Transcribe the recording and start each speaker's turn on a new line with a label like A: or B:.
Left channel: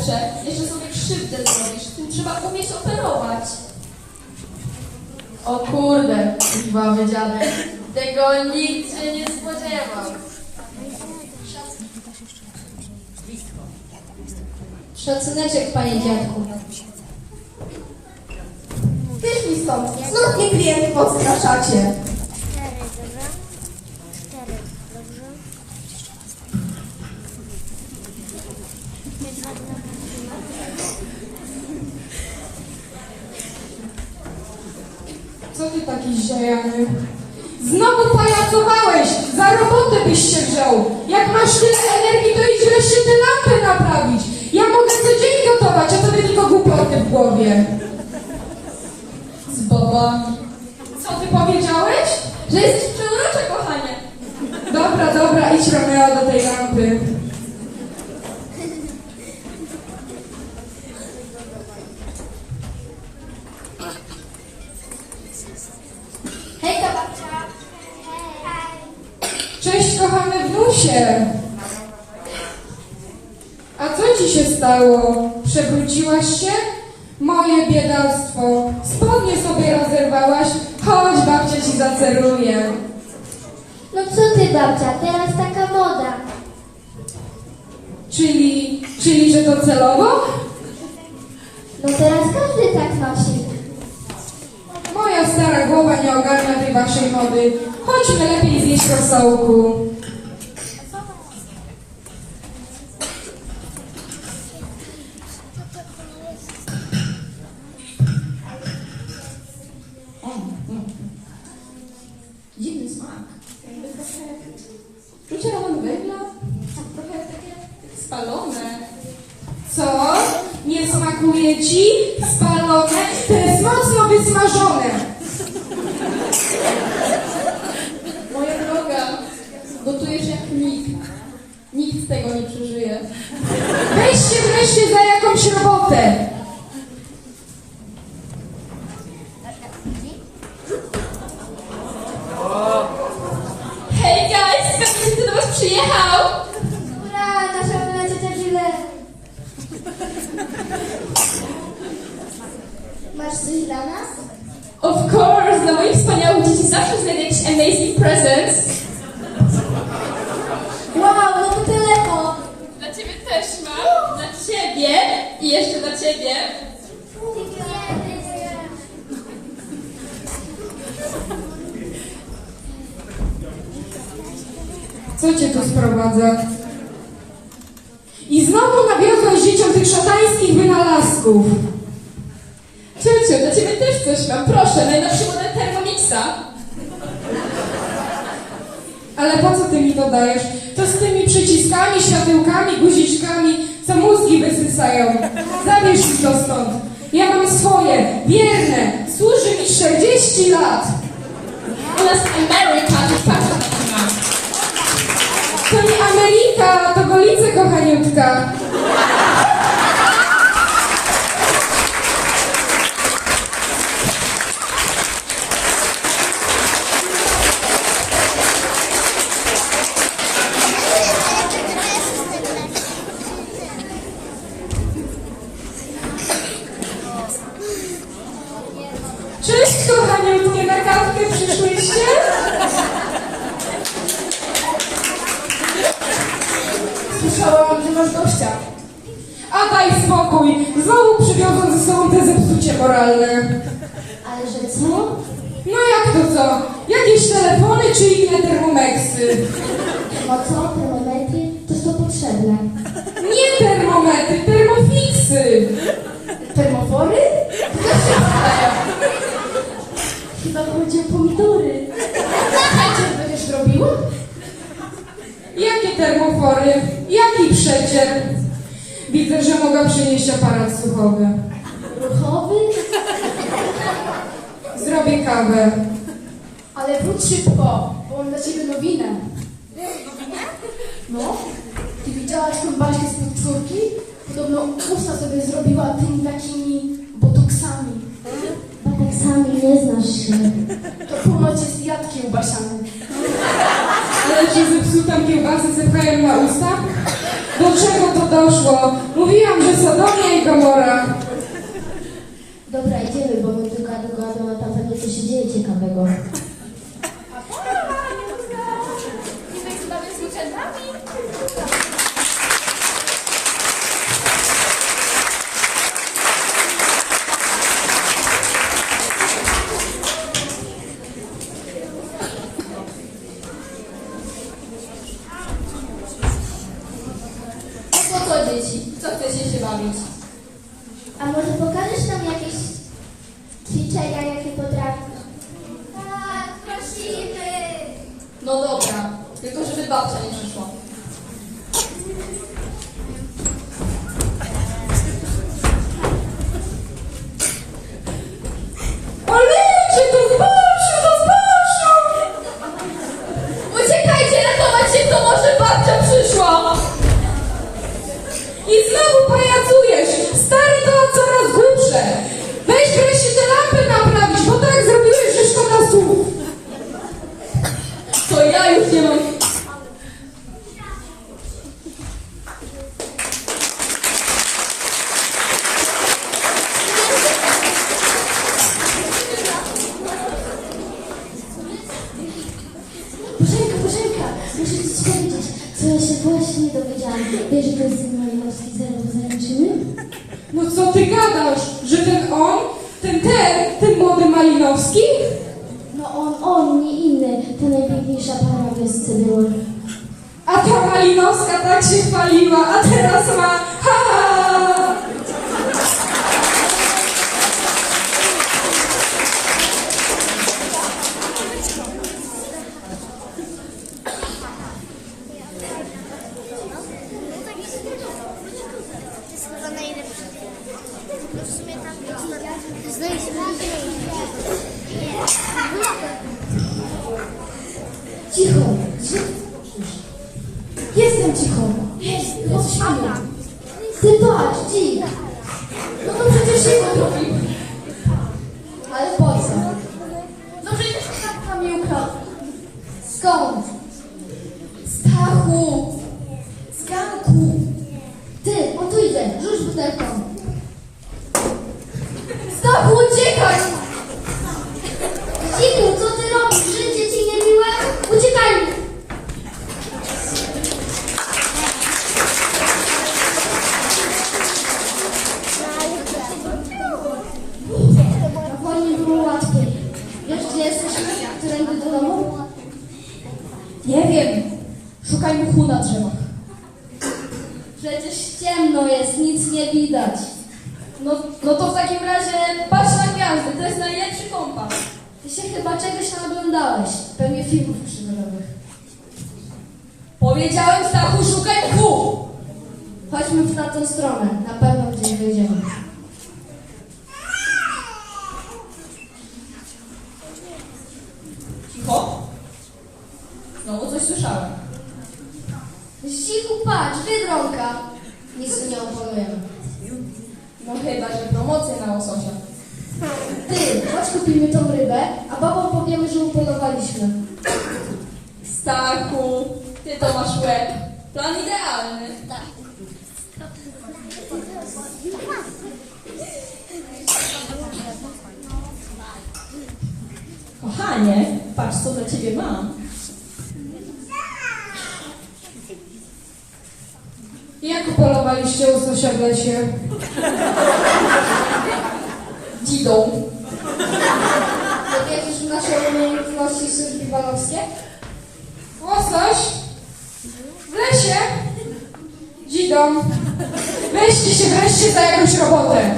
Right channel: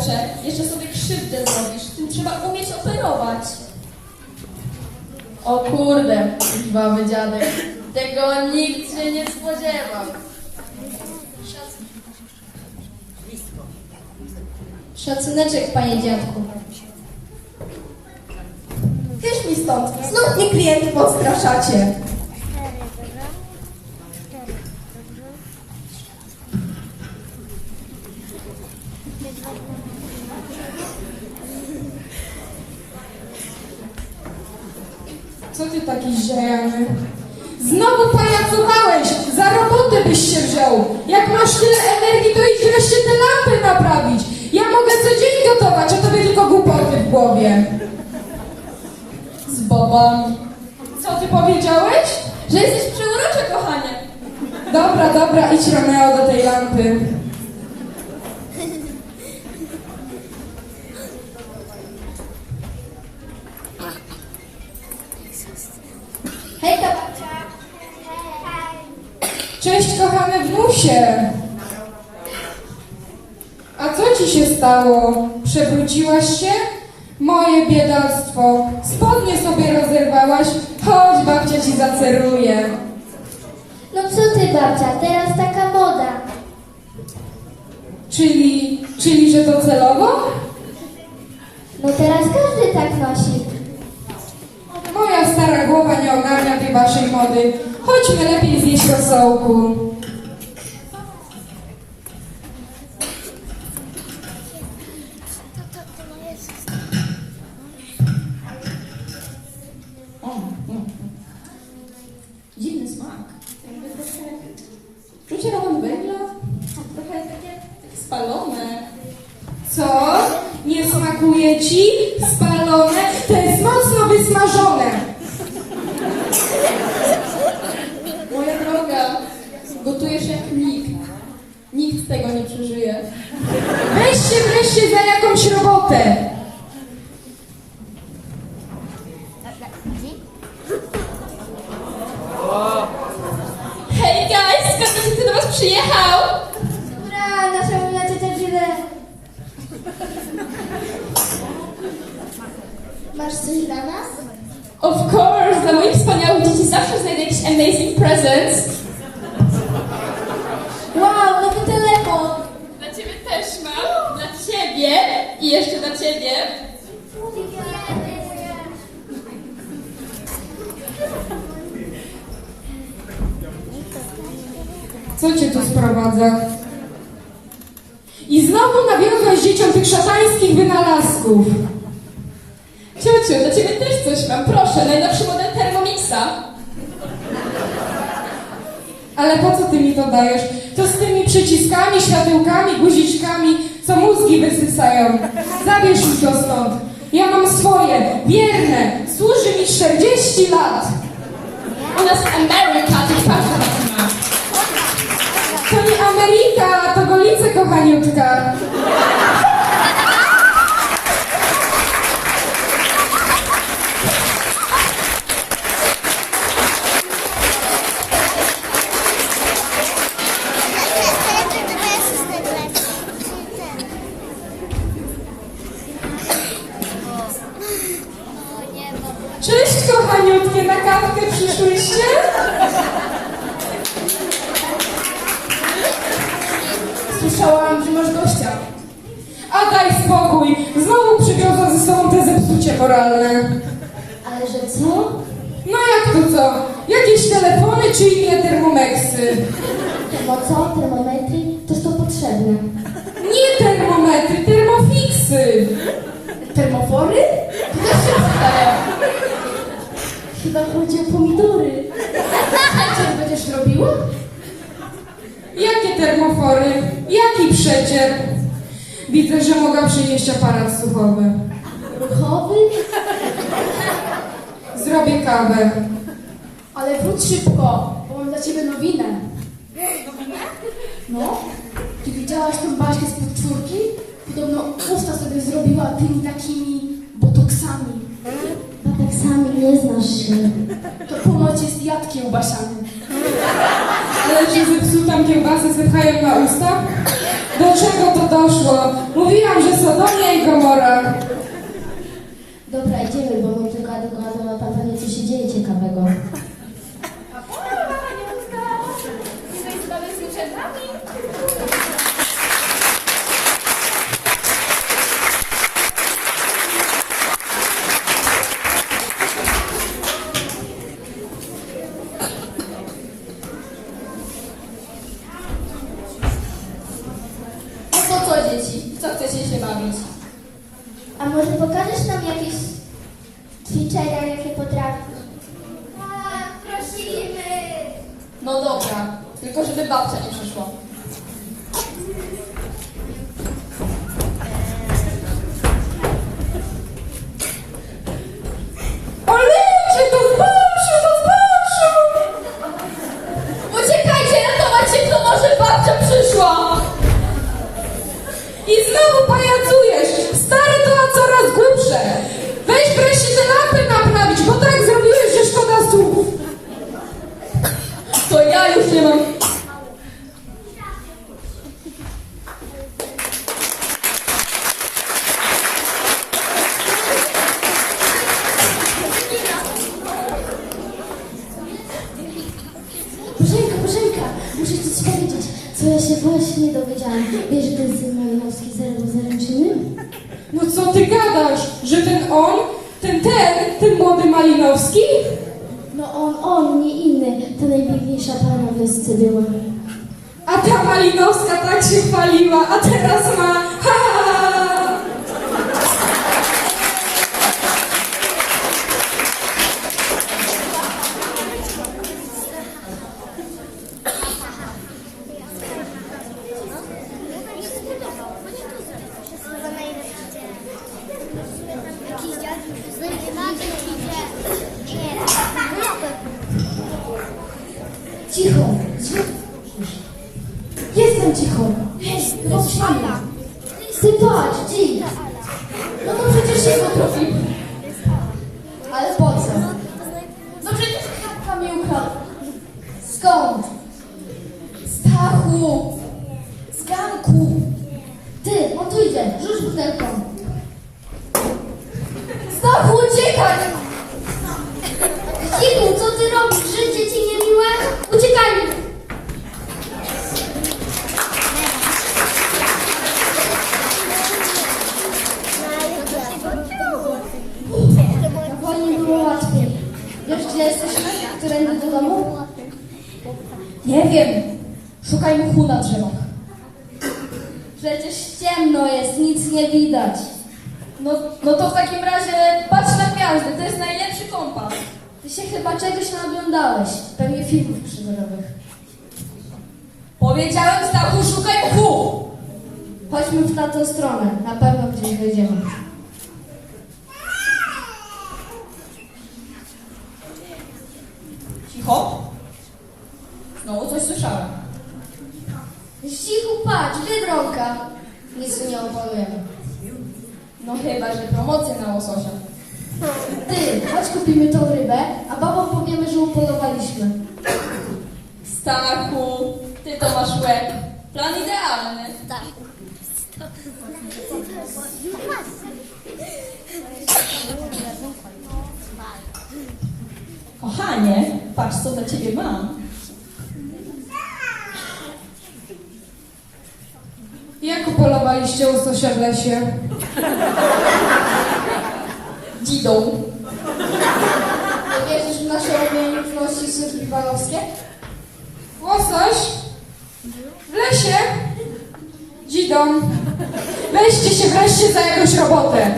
A: chłopcze, jeszcze sobie krzywdę zrobisz. Tym trzeba umieć operować.
B: O kurde, krwawy dziadek. Tego nikt się nie spodziewał.
C: Szacuneczek, panie dziadku.
A: Tyż mi stąd. Znów mnie klienty podstraszacie.
D: Co ty taki zziajany? Znowu pajacowałeś! Za robotę byś się wziął! Jak masz tyle energii, to idź wreszcie te lampy kochany wnusie! A co ci się stało? Przewróciłaś się? Moje biedactwo. Spodnie sobie rozerwałaś? Chodź, babcia ci zaceruje.
C: No co ty, babcia, teraz taka moda.
D: Czyli, czyli, że to celowo?
C: No teraz każdy tak nosi.
D: Moja stara głowa nie ogarnia tej waszej mody. Chodźmy lepiej zjeść rosołku.
A: Spalone.
D: Co? Nie smakuje ci? Spalone? To jest mocno wysmażone.
A: Moja droga, gotujesz jak nikt. Nikt tego nie przeżyje.
D: Weź się wreszcie za jakąś robotę.
A: Zawsze znajdę jakiś amazing presents.
C: Wow, nowy telefon.
A: Dla ciebie też mam. Dla ciebie i jeszcze dla ciebie.
D: Co cię tu sprowadza? I znowu nawiozłeś dzieciom tych szatańskich wynalazków.
A: Ciociu, dla ciebie też coś mam. Proszę, najnowszy model Thermomixa.
D: Ale po co ty mi to dajesz? To z tymi przyciskami, światełkami, guziczkami, co mózgi wysysają. Zabierz mi to stąd. Ja mam swoje, wierne, służy mi 40 lat.
A: Nas
D: Kochaniutkie, na kawkę przyszłyście?
A: Słyszałam, że masz gościa.
D: A daj spokój, znowu przywiozą ze sobą te zepsucie moralne.
C: Ale że co?
D: No jak to co? Jakieś telefony czy inne termomeksy?
C: Bo co, termometry? To są potrzebne.
D: Jaki przecier? Widzę, że mogę przynieść aparat słuchowy.
C: Ruchowy?
D: Zrobię kawę.
A: Ale wróć szybko, bo mam dla ciebie nowinę. Nowinę? No. Ty widziałaś tą Baśkę z podczwórki? Podobno usta sobie zrobiła tymi takimi botoksami.
C: tak sami nie znasz się.
A: To ponoć jest jad kiełbasiany.
D: Że zepsutą kiełbasę zepchają na usta? Do czego to doszło? Mówiłam, że Sodomia i Gomora.
B: Co ja
C: się właśnie dowiedziałam. Wiesz, że ten syn Malinowski zarobił zaręczyny?
D: No co ty gadasz? Że ten on, ten ten, ten młody Malinowski?
C: No on, on, nie inny, ta najpiękniejsza para wiosce była.
D: A ta Malinowska tak się chwaliła, a teraz ma...
C: Dzik.
B: No to przecież się potrafi. Ale po co? No przecież tatka mi. Skąd? Stachu! Z ganku!
C: Ty, on tu idzie, rzuć butelką.
B: Stachu, uciekaj!
C: Dziku,
B: Nie wiem. Szukaj mchu na drzewach.
C: Przecież ciemno jest, nic nie widać.
B: No, no to w takim razie patrz na gwiazdy, to jest najlepszy kompas.
C: Ty się chyba czegoś naoglądałeś. Pewnie filmów przygodowych.
B: Powiedziałem Stachu, szukaj mchu!
C: Chodźmy w tamtą stronę. Na pewno gdzieś wejdziemy.
B: Cicho. Znowu coś słyszałem.
C: Cichu, patrz, wydrąka.
B: No chyba, że promocje na łososia.
C: Ty, chodź kupimy tą rybę, a babom powiemy, że upolowaliśmy.
B: Stachu, ty to masz łeb. Plan idealny. Kochanie, patrz co dla ciebie mam.
D: Jak upolowaliście łososia w lesie?
B: Dzidą.
C: Nie wierzysz w nasze umiejętności survivalowskie?
D: Łosoś? W lesie? Dzidą. Weźcie się wreszcie za jakąś robotę.